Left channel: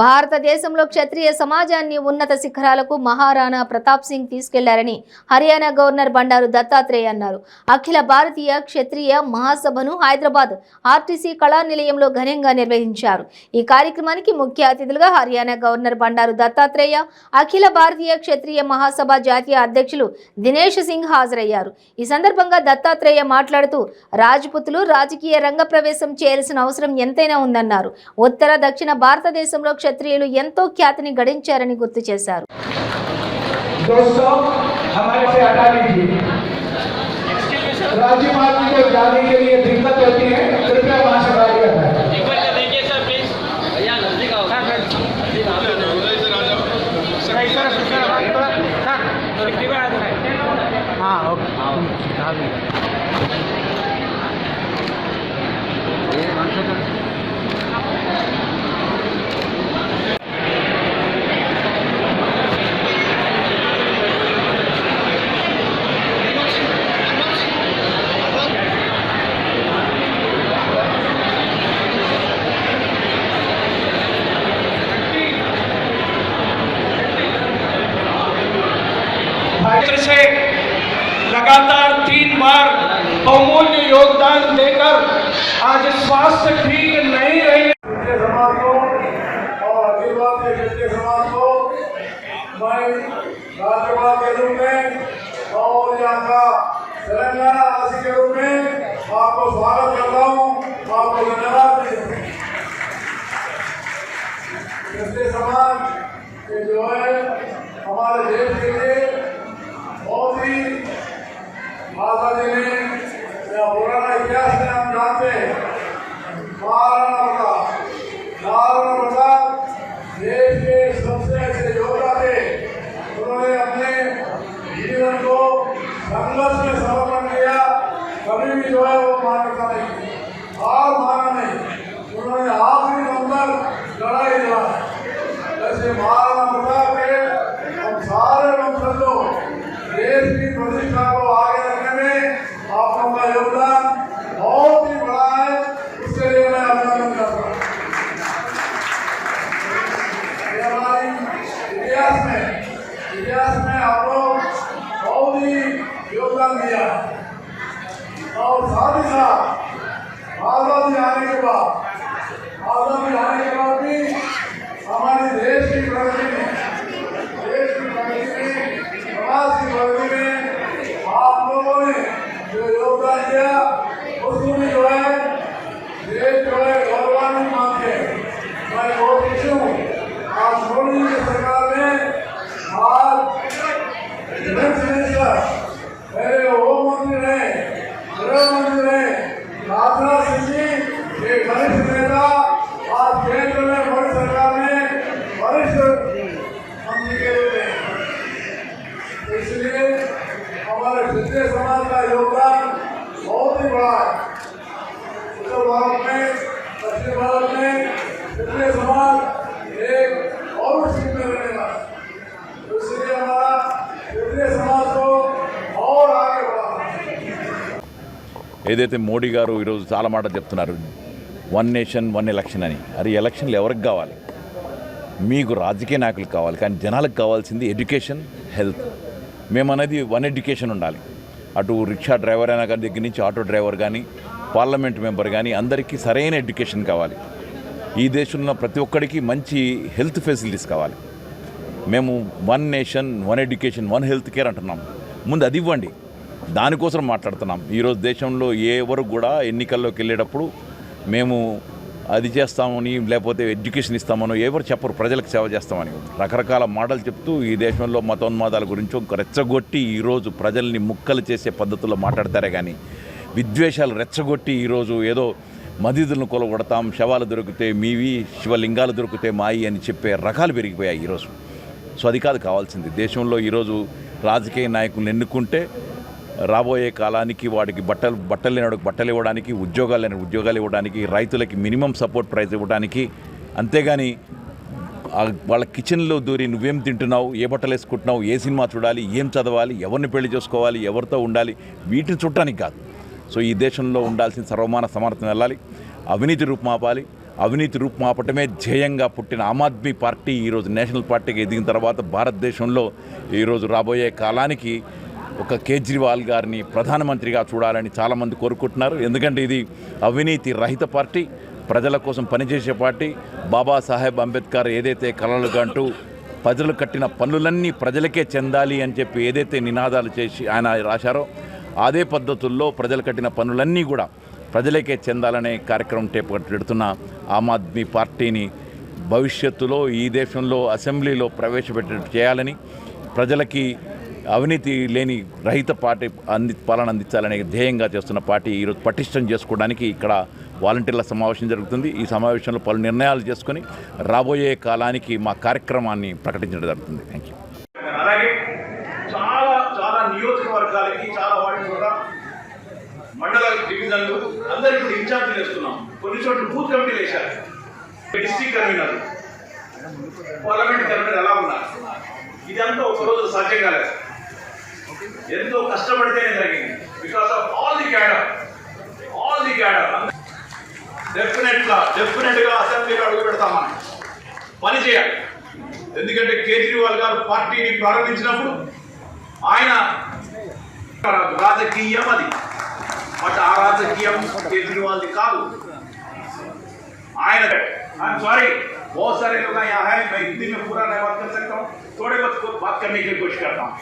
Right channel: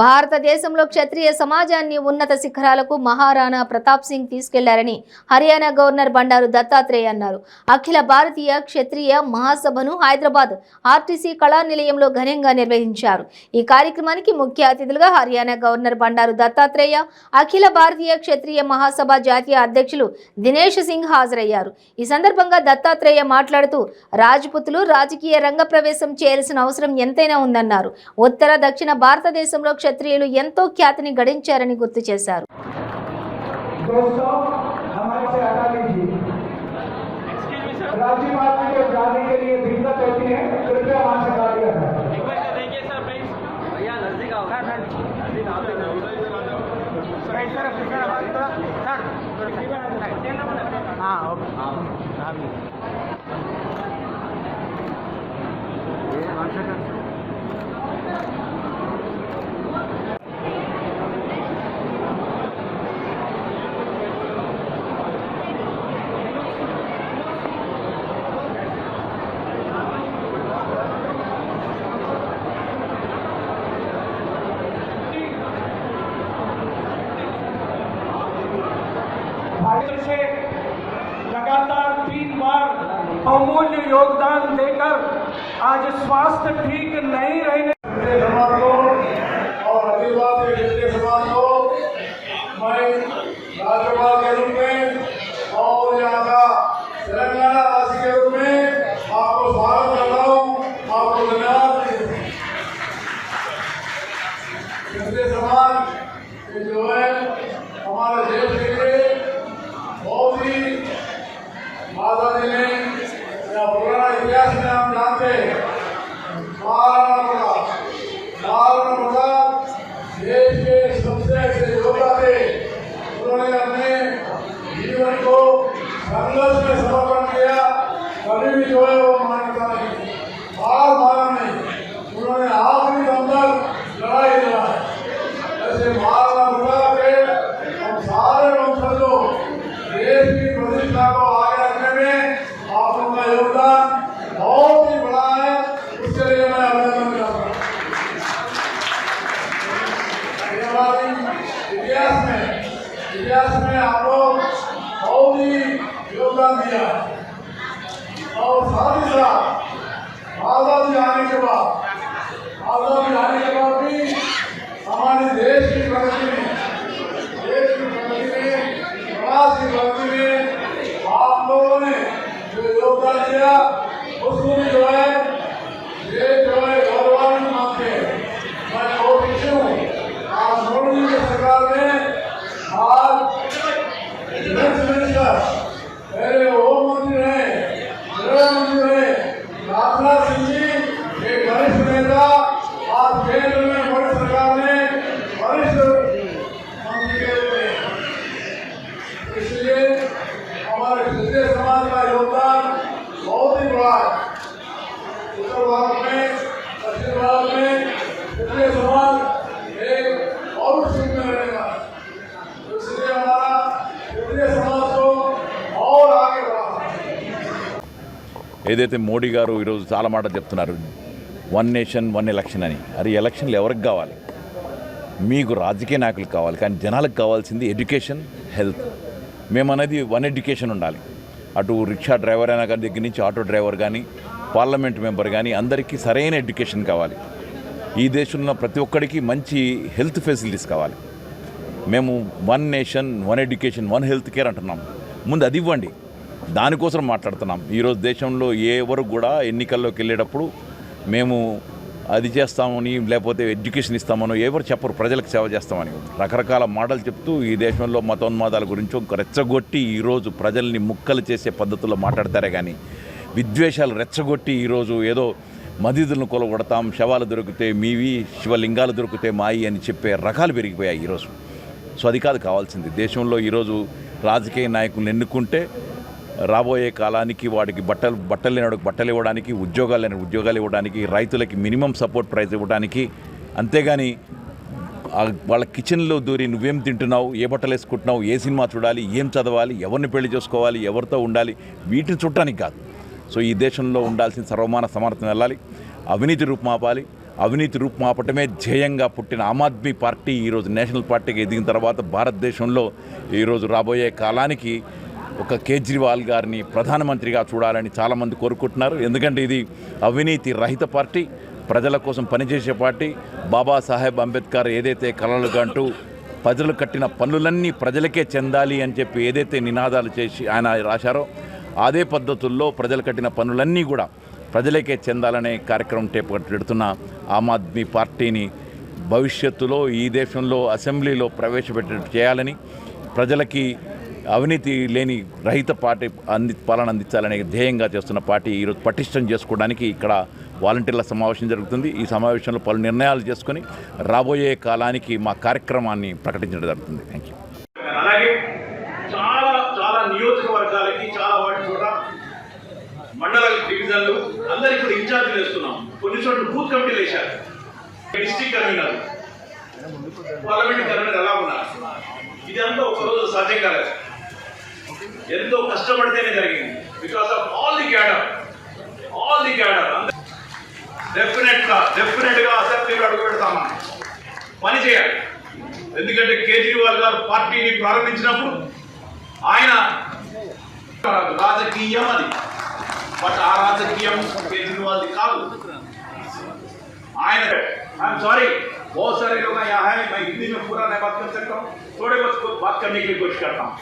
భారతదేశంలో క్షత్రియ సమాజాన్ని ఉన్నత శిఖరాలకు మహారాణా ప్రతాప్ సింగ్ తీసుకెళ్లారని హర్యానా గవర్నర్ బండారు దత్తాత్రేయ అన్నారు. అఖిల భారతీయ క్షత్రియ మహాసభను హైదరాబాద్ ఆర్టీసీ కళా నిలయంలో ఘనంగా నిర్వహించారు. ఈ కార్యక్రమానికి ముఖ్య అతిథులుగా హర్యానా గవర్నర్ బండారు దత్తాత్రేయ, అఖిల భారతీయ క్షత్రియ మహాసభ జాతీయ అధ్యక్షులు దినేష్ సింగ్ హాజరయ్యారు. ఈ సందర్భంగా దత్తాత్రేయ మాట్లాడుతూ రాజ్పుతులు రాజకీయ రంగ ప్రవేశం చేయాల్సిన అవసరం ఎంతైనా ఉందన్నారు. ఉత్తర దక్షిణ భారతదేశంలో క్షత్రియులు ఎంతో ఖ్యాతిని గడించారని గుర్తు చేశారు. से लगातार 3 बार बहुमूल्य योगदान देकर आज स्वास्थ्य ठीक नहीं रही समाज को और आदिवासी क्षेत्रीय समाज को मैं राष्ट्रवाद के रूप में और यहाँ का तेलंगाना वासी के रूप में आपको स्वागत कर रहा हूँ, आपको धन्यवाद देता हूँ। क्षेत्रीय समाज जो है हमारे देश के लिए बहुत ही आजादी में या पुराना इतिहास में हम जानते हैं। महाराणा देश के सबसे अच्छे योद्धा थे। उन्होंने अपने जीवन को संघर्ष में समर्पण किया, कभी भी जो है वो मान्यता नहीं, हार माना नहीं, उन्होंने आखिरी दम तक लड़ाई दिलाई। ऐसे महाराणा प्रताप के हम सारे लोग देश की प्रतिष्ठा को आगे रखने में आप लोगों का योगदान बहुत ही बड़ा है, उसके लिए मैं अभिनंदन करता हूँ। हमारी इतिहास में आप लोग बहुत ही योगदान दिया और साथ ही साथ आजादी आने के बाद भी हमारे देश की प्रगति में आप लोगों ने जो योगदान दिया उसमें भी जो है ये जो है गौरवान्वित मानते हैं। मैं बहुत खुश हूँ आज मोदी की सरकार ने आज डिफेंस मिनिस्टर पहले होम मंत्री रहे, गृह मंत्री रहे राजनाथ सिंह जी एक वरिष्ठ नेता आज केंद्र में मोदी सरकार ने वरिष्ठ मंत्री के रूप में, इसलिए हमारे क्षेत्रीय समाज का योगदान बहुत ही बड़ा है। उत्तर भारत में, दक्षिण भारत में क्षेत्रीय समाज एक और सीट में रहेगा, इसलिए हमारा क्षेत्रीय समाज को और आगे बढ़ाना। ఏదైతే మోడీ గారు ఈరోజు చాలా మాట చెప్తున్నారు, 1 నేషన్ 1 ఎలక్షన్ అని. అది ఎలక్షన్లు ఎవరికి కావాలి? మీకు రాజకీయ నాయకులకు కావాలి, కానీ జనాలకు కావాల్సింది ఎడ్యుకేషన్, హెల్త్. మేమనేది 1 ఎడ్యుకేషన్ ఉండాలి. అటు రిక్షా డ్రైవర్ అయినా కానీ దగ్గర నుంచి ఆటో డ్రైవర్ కానీ పార్లమెంట్ మెంబర్ కానీ అందరికీ సరైన ఎడ్యుకేషన్ కావాలి. ఈ దేశంలో ప్రతి ఒక్కడికి మంచి హెల్త్ ఫెసిలిటీస్ కావాలి. మేము 1 నేషన్ 1 ఎడ్యుకేషన్ 1 హెల్త్ కేర్ అంటున్నాం. ముందు అది ఇవ్వండి, దానికోసం మాట్లాడుతున్నాం. ఈరోజు దేశంలో ఎవరు కూడా ఎన్నికల్లోకి వెళ్ళేటప్పుడు మేము అది చేస్తామని లేకపోతే ఎడ్యుకేషన్ ఇస్తామనో ఎవరు చెప్పరు, ప్రజలకు సేవ చేస్తామని రకరకాల మాటలు చెప్తూ ఈ దేశంలో మతోన్మాదాల గురించి రెచ్చగొట్టి ఈరోజు ప్రజల్ని ముక్కలు చేసే పద్ధతుల్లో మాట్లాడతారే కానీ విద్వేషాలు రెచ్చగొట్టి ఈరోజు ఏదో మసీదులను కొలగొడతాం, శవాలు దొరికితే మీవి, శివలింగాలు దొరికితే మాయి అని చెప్పే రకాలు పెరిగిపోయాయి ఈరోజు. సో అది కాదు కావాల్సింది. దేశంలో ఈరోజు రాజకీయ నాయకులను ఎన్నుకుంటే రాబోయే కాలానికి వాడికి బట్టలు లేనివాడికి బట్టలు ఇవ్వడానికి, ఉద్యోగాలు లేని ఉద్యోగాలు ఇవ్వడానికి, రైతులకి మినిమం సపోర్ట్ ప్రైస్ ఇవ్వడానికి, అంతేగాని వాళ్ళ కిచెన్లో దూరి నువ్వేం తింటున్నావు, ఏ బట్టలు వేసుకుంటున్నావు, ఏ సినిమా చూడాలి, ఏం చదవాలి, ఎవరిని పెళ్లి చేసుకోవాలి, ఎవరితో ఉండాలి, వీటిని చూడటానికి కాదు. సో ఈ దేశంలో ఉండాల్సిన సర్వమాన సమర్థన వెళ్ళాలి, అవినీతి రూపుమాపాలి, అవినీతి రూపుమాపటమే ధ్యేయంగా పుట్టిన ఆమ్ ఆద్మీ పార్టీ ఈరోజు నేషనల్ పార్టీకి ఎదిగిన తర్వాత భారతదేశంలో ఈరోజు రాబోయే కాలానికి ఒక కేజ్రీవాల్ గారిని ప్రధానమంత్రిగా చూడాలని చాలామంది కోరుకుంటున్నారు. ఎందుకంటే ఇది అవినీతి రహిత పార్టీ, ప్రజల కోసం పనిచేసే పార్టీ. బాబాసాహెబ్ అంబేద్కర్ ఏదైతే కలలుగా అంటూ ప్రజలు కట్టిన పన్నులన్నీ ప్రజలకే చెందాలి అని చెప్పి ఏదైతే నినాదాలు చేసి ఆయన రాశారో అదే పద్ధతుల్లో ప్రజలు కట్టిన పన్నులన్నీ కూడా ప్రజలకే చెందాలనే కార్యక్రమం పెడుతున్న ఆమ్ ఆద్మీ పార్టీని భవిష్యత్తులో ఈ దేశంలో అసెంబ్లీలో ప్రవేశపెట్టేట్టు చేయాలని, ప్రజలకి అవినీతి లేని రహిత పార్టీ పాలన అందించాలనే ధ్యేయంగా చేస్తున్న పార్టీ ఈరోజు పటిష్టం చేసుకోవడానికి ఇక్కడ వాలంటీర్ల సమావేశం జరుగుతుంది. ఈ సమావేశంలో పలు నిర్ణయాలు చేసుకొని రాబోయే కాలానికి మా కార్యక్రమాన్ని ప్రకటించడం జరుగుతుంది. Thank you. అలాగే చాలా చాలా నియోజకవర్గాలకి చాలా వాటి కూడా మండల డివిజన్లు అందరికీ కూడా ఇన్ఛార్జీలు వేస్తున్నాం. కొన్ని చోట్ల బూత్ కమిటీలు వేశారు. డిస్ట్రిక్ట్ కన్వీనర్, పార్లమెంట్ కన్వీనర్ ఎలా ఉన్నారు? ఇదంతా ఒకరోజు సాధ్యం కాలేదు. ఎంతో కష్టపడితేనే జరిగింది. Because of all the cadre డెఫినెట్గా అసెంబ్లీలో అడుగు పెడతాము, పని చేయాలి. ఎందుకంటే కేజ్రీవాల్ గారు పార్టీని ప్రారంభించినప్పుడు ఆయన రాజకీయం అది, బట్ ఆ రాజకీయం కేజ్రీవాల్ది కాదు. ఆయన I'm sorry, बहुत सारे लोग यहाँ है, मैं हिंदी में पूरा नहीं बात कर सकता हूँ, थोड़े बहुत बात करने की कोशिश करता हूँ.